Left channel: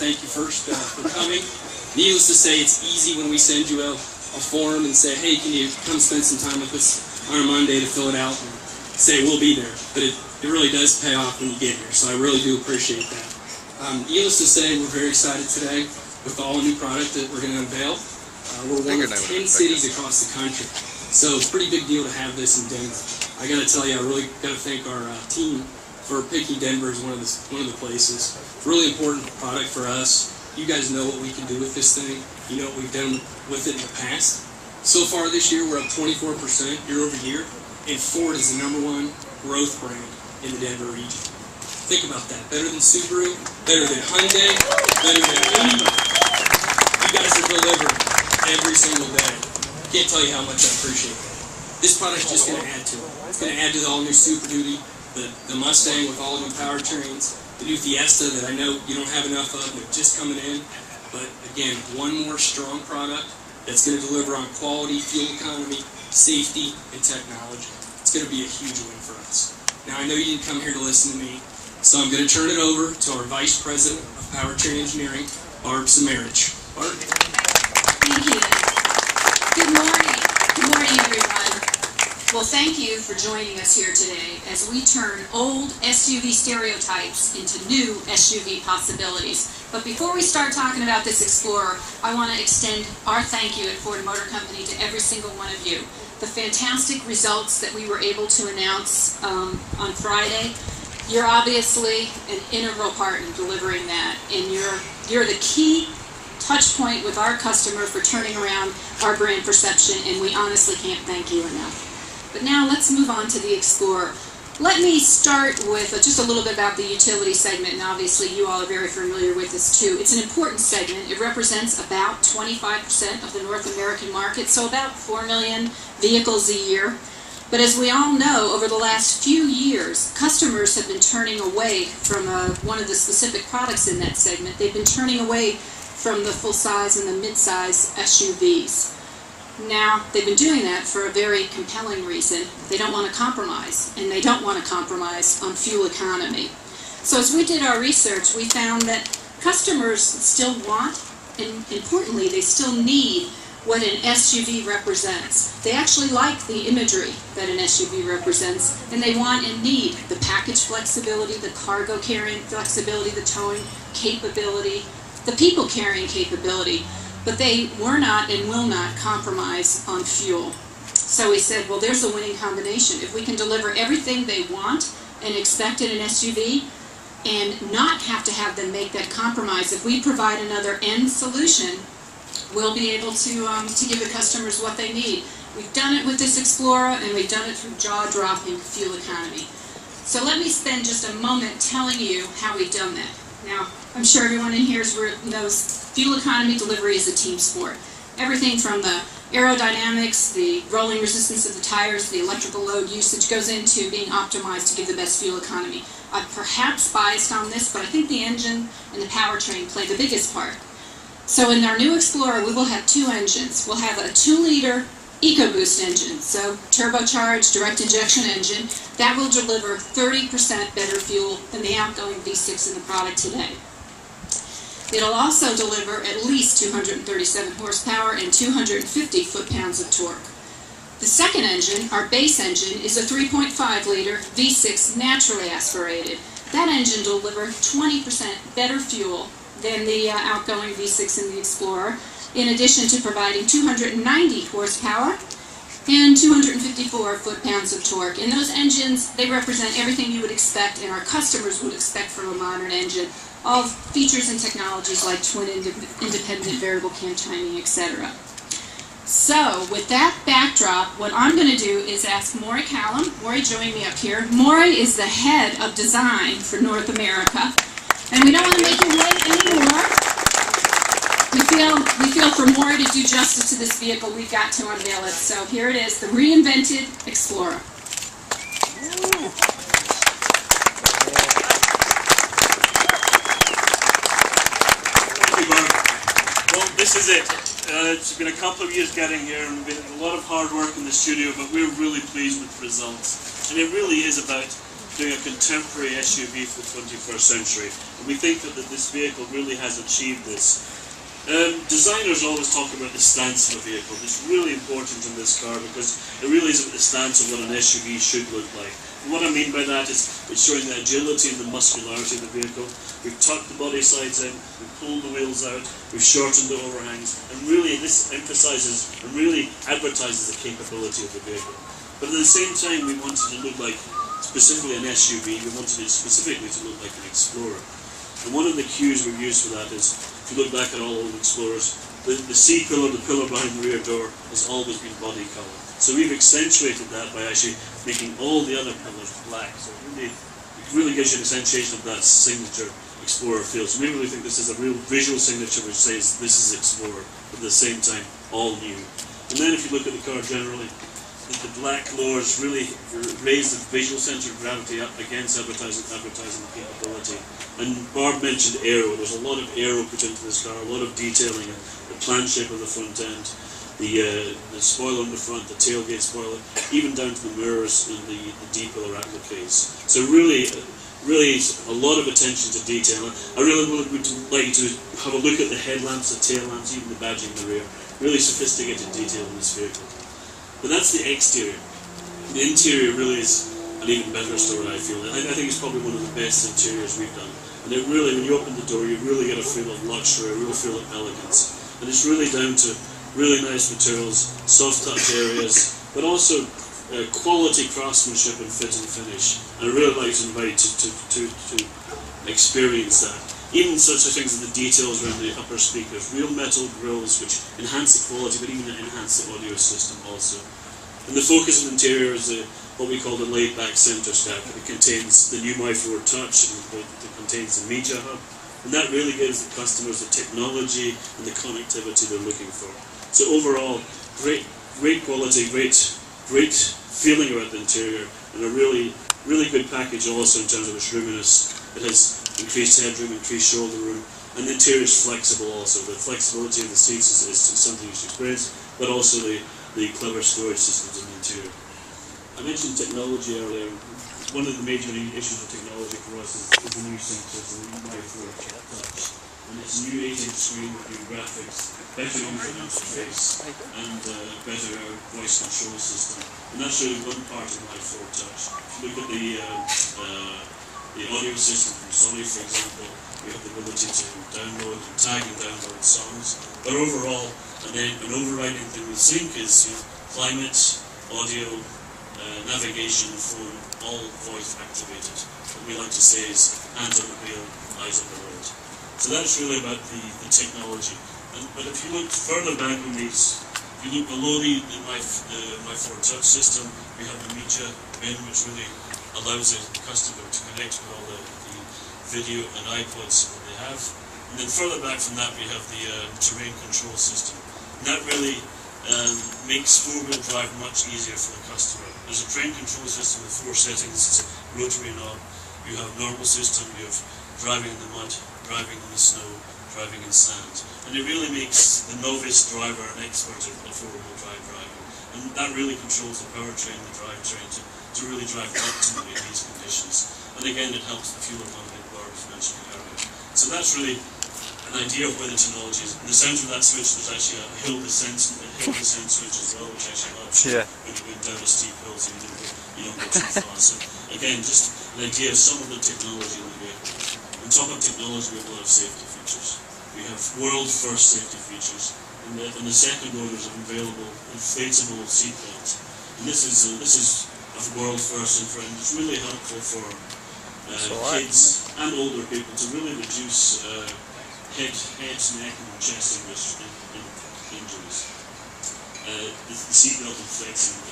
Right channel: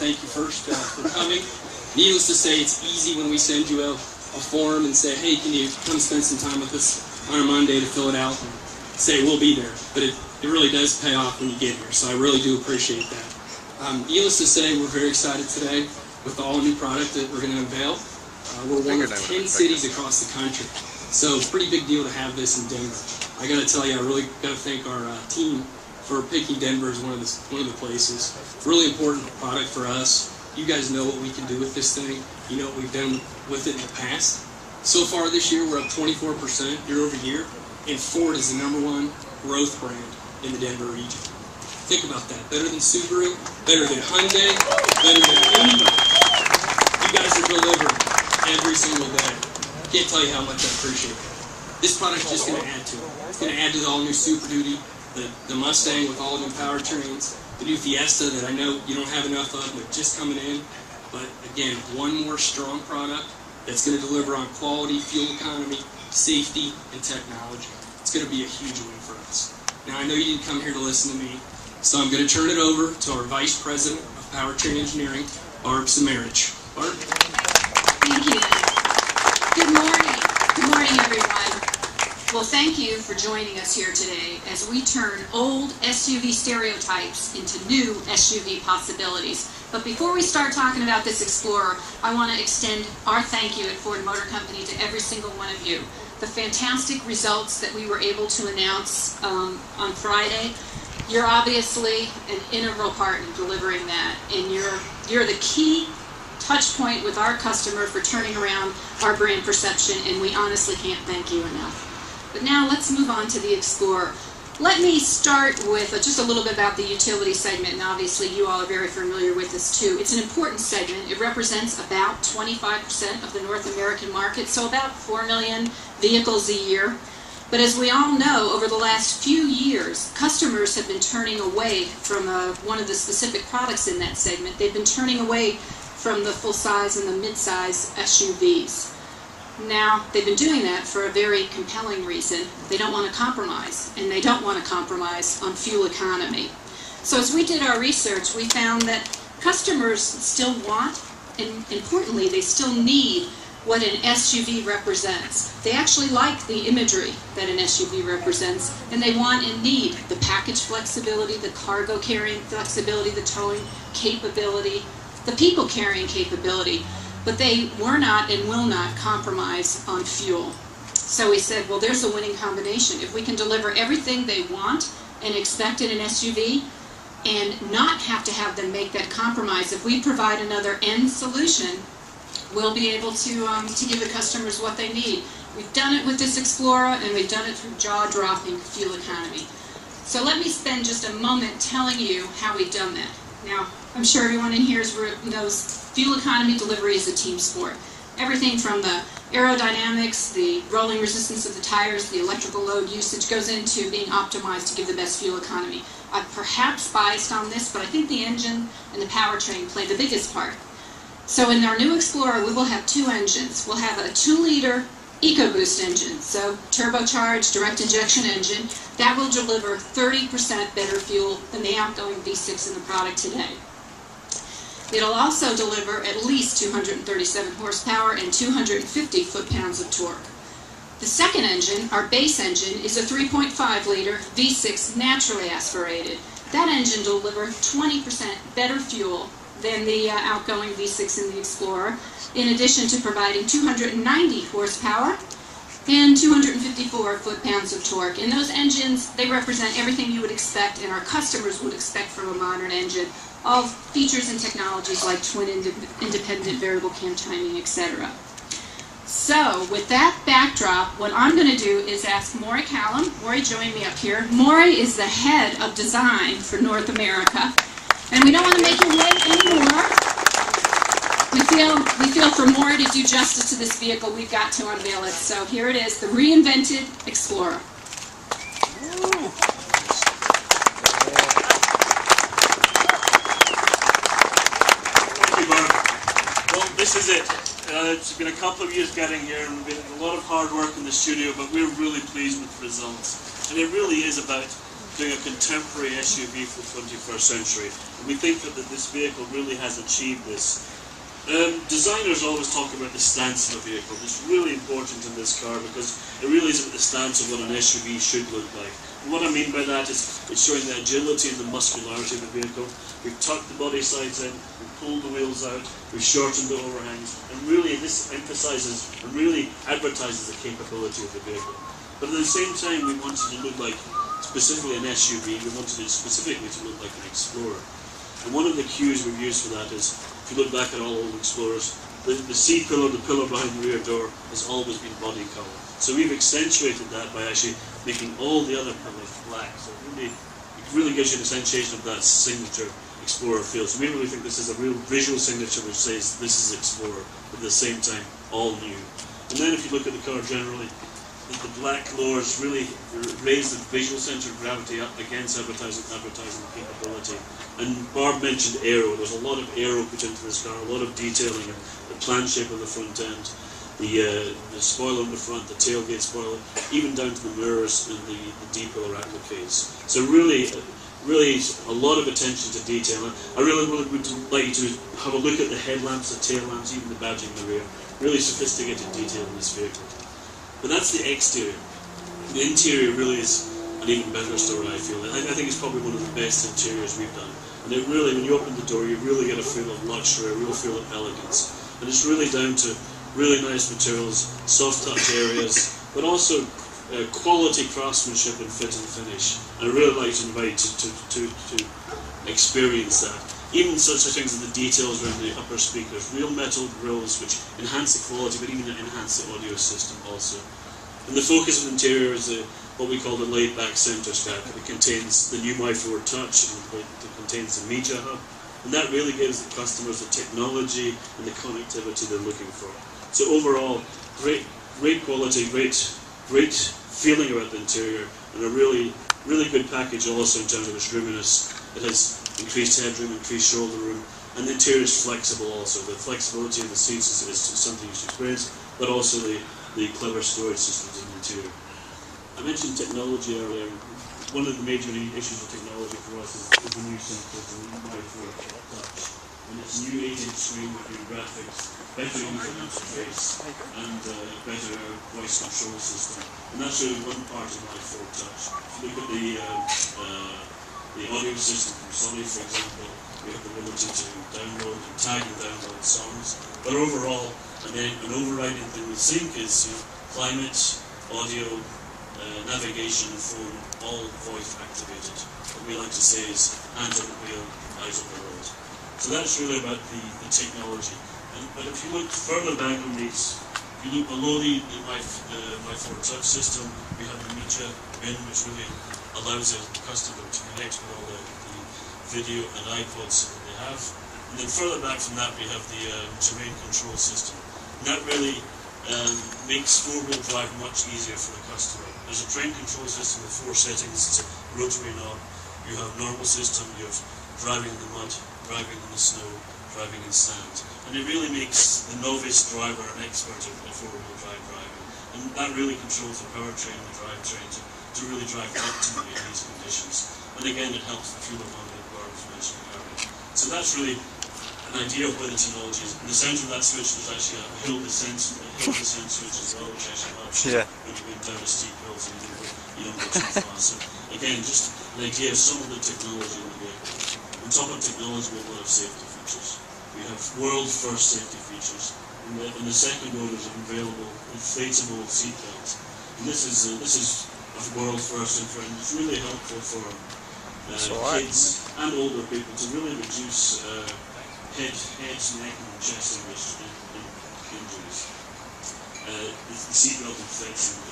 thank you first for coming. Needless to say, it's easy when we send you a form and say, hey, can you come spend some time with us on a Monday to fill it out and say we'll be there. But it really does pay off when you get here, so I really do appreciate that. Needless to say, we're very excited today with the all-new product that we're going to unveil. We're one of 10 cities across the country, so it's a pretty big deal to have this in Denver. I got to tell you, I really got to thank our team for picking Denver as one of the places. It's a really important product for us. You guys know what we can do with this thing. You know what we've done with it in the past. So far this year, we're up 24% year over year, and Ford is the #1 growth brand in the Denver region. Think about that. Better than Subaru, better than Hyundai, better than anybody. You guys are delivering every single day. Can't tell you how much I appreciate it. This product's just going to add to it. It's going to add to the all-new Super Duty, the Mustang with all new powertrains, the new Fiesta that I know you don't have enough of, they're just coming in. But again, one more strong product that's going to deliver on quality, fuel economy, safety, and technology. It's going to be a huge win for us. Now, I know you didn't come here to listen to me, so I'm going to turn it over to our Vice President of Powertrain Engineering, Barb Samarich. Barb? Thank you. Good morning. Good morning, everyone. Well, thank you for joining us here today as we turn old SUV stereotypes into new SUV possibilities. But before we start talking about this Explorer, I want to extend our thank you at Ford Motor Company to every single one of you. The fantastic results that we were able to announce on Friday, you're obviously an integral part in delivering that, and you're the key touch point with our customer for turning around our brand perception, and we honestly can't thank you enough. But now let's move on to the Explorer. Let me start with just a little bit about the utility segment, and obviously you all are very familiar with this too. It's an important segment. It represents about 25% of the North American market, so about 4 million vehicles a year. But as we all know, over the last few years, customers have been turning away from one of the specific products in that segment. They've been turning away from the full-size and the mid-size SUVs. Now, they've been doing that for a very compelling reason. They don't want to compromise, and they don't want to compromise on fuel economy. So as we did our research, we found that customers still want, and importantly, they still need what an SUV represents. They actually like the imagery that an SUV represents, and they want and need the package flexibility, the cargo carrying flexibility, the towing capability, the people carrying capability. But they were not and will not compromise on fuel. So we said, well, there's a winning combination. If we can deliver everything they want and expect in an SUV and not have to have them make that compromise, if we provide another end solution, we'll be able to give the customers what they need. We've done it with this Explorer, and we've done it through jaw-dropping fuel economy. So let me spend just a moment telling you how we've done that. Now, I'm sure everyone in here knows fuel economy delivery is a team sport. Everything from the aerodynamics, the rolling resistance of the tires, the electrical load usage goes into being optimized to give the best fuel economy. I'm perhaps biased on this, but I think the engine and the powertrain play the biggest part. So in our new Explorer, we will have 2 engines. We'll have a 2-liter EcoBoost engine, so turbocharged direct injection engine, that will deliver 30% better fuel than the outgoing V6 in the product today. It'll also deliver at least 237 horsepower and 250 foot-pounds of torque. The second engine, our base engine, is a 3.5-liter V6 naturally aspirated. That engine will deliver 20% better fuel than the outgoing V6 in the Explorer, in addition to providing 290 horsepower and 254 foot-pounds of torque. And those engines, they represent everything you would expect and our customers would expect from a modern engine. All features and technologies like twin independent variable cam timing, etc. So, with that backdrop, what I'm going to do is ask Maury Callum. Maury, join me up here. Maury is the head of design for North America. And we don't want to make him wait anymore. We feel for Maury to do justice to this vehicle, we've got to unveil it. So here it is, the reinvented Explorer. Well, this is it. It's been a couple of years getting here, and been a lot of hard work in the studio, but we're really pleased with the results. And it really is about doing a contemporary SUV for the 21st century. And we think that this vehicle really has achieved this. Designers always talk about the stance of a vehicle. It's really important in this car because it really is at the stance of what an SUV should look like. And what I mean by that is it's showing the agility and the muscularity of the vehicle. We've tucked the body sides in, we've pulled the wheels out, we've shortened the overhangs, and really this emphasizes and really advertises the capability of the vehicle. But at the same time, we wanted to look like specifically an SUV, we wanted it specifically to look like an Explorer. And one of the cues we've used for that is, if you look back at all old Explorers, the C-pillar, the pillar behind the rear door, has always been body colour. So we've accentuated that by actually making all the other pillars black. So it really gives you the sensation of that signature Explorer feel. So we really think this is a real visual signature which says this is Explorer, but at the same time, all new. And then if you look at the car generally, the black lowers really raise the visual centre of gravity up against advertising capability. And Barb mentioned aero. There's a lot of aero put into this car, a lot of detailing, the plan shape of the front end, the spoiler on the front, the tailgate spoiler, even down to the mirrors and the D-pillar appliques. So really a lot of attention to detail. I really would like you to have a look at the headlamps, the tail lamps, even the badging in the rear. Really sophisticated detail in this vehicle. But that's the exterior. The interior really is an even better story, I feel. I think it's probably one of the best interiors we've done. And it really, when you open the door, you really get a feel of luxury, a real feel of elegance. And it's really down to really nice materials, soft touch areas, but also quality craftsmanship and fit and finish. And I really like to invite you to experience that. Even such things as the details around the upper speakers, real metal grills which enhance the quality but even enhance the audio system also. And the focus of the interior is what we call the laid-back centre stack. It contains the new My4 Touch, and it contains the Media Hub, and that really gives the customers the technology and the connectivity they're looking for. So overall, great quality, great feeling about the interior, and a really good package also in terms of its roominess. It has increased headroom, increased shoulder room, and the interior is flexible also. The flexibility of the seats is something you should experience, but also the clever storage systems in the interior. I mentioned technology earlier. One of the major issues with technology for us is the new sensors, the My4 Touch. And it's a new 8-inch screen with new graphics, better user interface, and better voice control system. And that's really one part of My4 Touch. If you look at the audio system from Sony, for example, we have the ability to download and tag and download songs. But overall, an overriding thing with Sync is climate, audio, navigation, and phone, all voice activated. What we like to say is hands on the wheel, eyes on the road. So that's really about the technology. But if you look further back on these, if you look below the My4 Touch system, we have the Media bin, which really allows the customer to connect with all the video and iPods that they have. And then further back from that we have the terrain control system. And that really makes four-wheel drive much easier for the customer. There's a terrain control system with 4 settings. It's a rotary knob. You have normal system, you have driving in the mud, driving in the snow, driving in sand. And it really makes the novice driver an expert at four-wheel drive driving. And that really controls the powertrain, the drivetrain to really drive optimally in these conditions. And again, it helps the fuel economy that Barb was mentioning earlier. So that's really an idea of where the technology is. In the centre of that switch, there's actually a hill descent switch as well, which actually helps you when you're going down a steep hill, so you don't go too fast. So again, just an idea of some of the technology in the vehicle. On top of technology, we have a lot of safety features. We have world-first safety features. In the second row, there's an available inflatable seatbelt. And this is a world first, and it's really helpful for kids and older people to really reduce head, neck, and chest injuries. The seatbelt inflates and